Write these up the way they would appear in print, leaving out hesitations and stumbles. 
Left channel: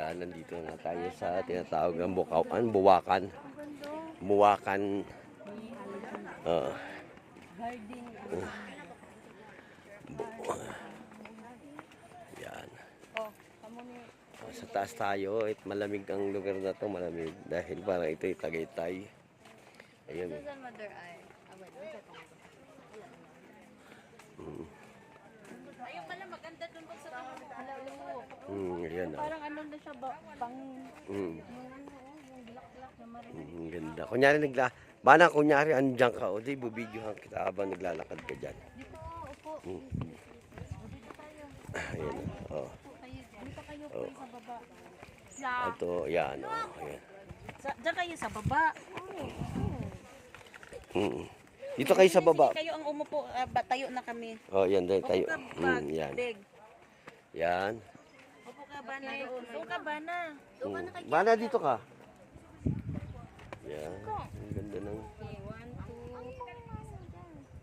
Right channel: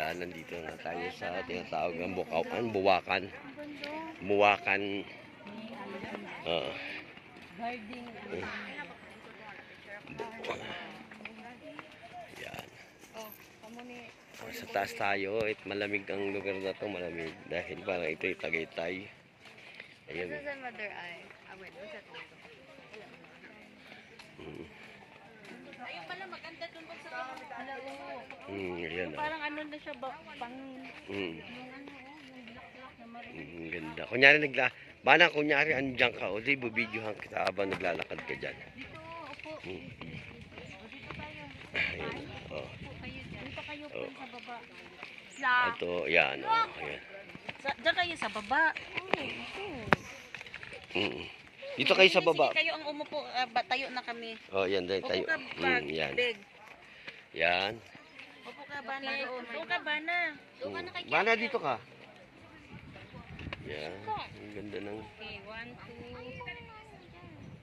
Yan, nandito na tayo sa tinatawag ng Buwakan. Buwakan. Yan. Sa taas tayo, malamig ang lugar na to, malamig dahil parang ito'y Tagaytay. Ayun. Ayun pala, maganda dun po sa Ayan. parang ano na siya, pang Mm. yung black na marin. Ganda. Kunyari bana kunyari andyan ka, o di bubidyohan kita habang naglalakad ka dyan. Ayan. Oh. Dito kayo po sa baba. Ito, yan. Oh, ayan. Diyan kayo sa baba. Dito kayo sa baba. Sige, kayo ang umupo, tayo na kami. Oh, yan din tayo. Upo ka, Yan. big. Yan. Upo ka, Bana. Upo ka, Bana. Bana, dito ka. Yan. Ang ganda ng... Okay, 1, 2.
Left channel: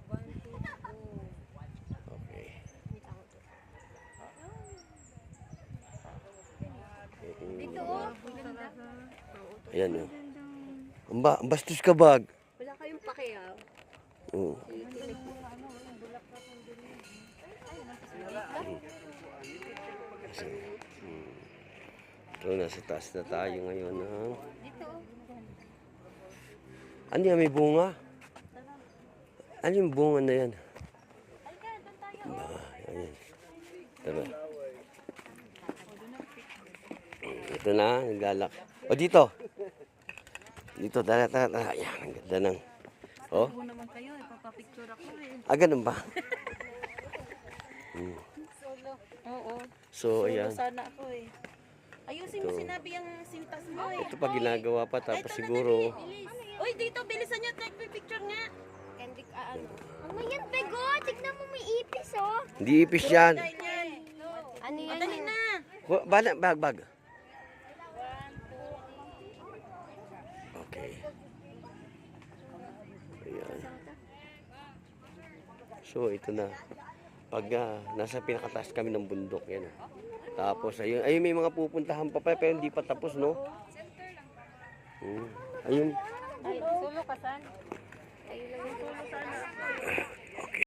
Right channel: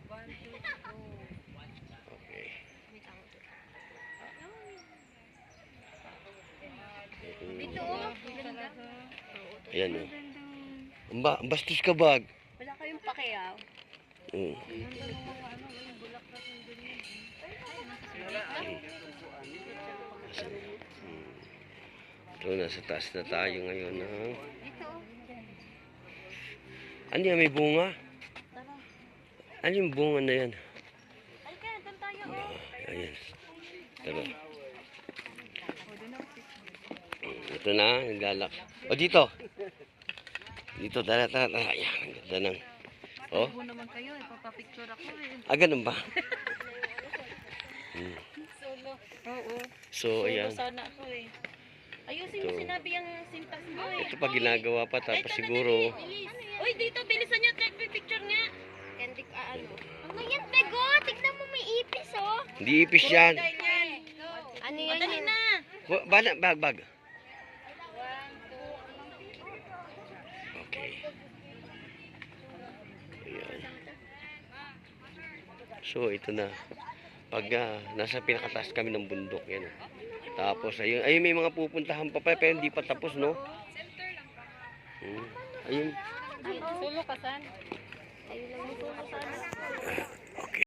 1, 2, go. Okay. Dito, ganda. Ayan, oh. Ang bastos ka, bag. Wala kayong pakiyaw. Ito, nasa taas na tayo ngayon. Ano yan, may bunga? Ano yung bunga na yan? Ayan. Tara. Ito na, naglalak. O, dito. Dito, tara. Ayan, ang ganda ng... Oh? Upo naman kayo, ipapapicture ako eh. Ganun ba? Solo. Oo. So, ayan. Sana ako eh. Ayusin mo, sinabi yung sintas mo eh. Ito pa ginagawa pa, tapos siguro... Uy, dito, bilisan niya, picture niya. Ano yan, Tego? Tignan mo may ipis, oh. Hindi ipis yan. Ano yan? Dali na. Bag. Okay. Ayan. So, ito na. Pag nasa pinakataas kami ng bundok, yan. Tapos, ayun, may mga pupuntahan pa pero hindi pa tapos, no? Ayun. Solo ka, San? Ayun lang yung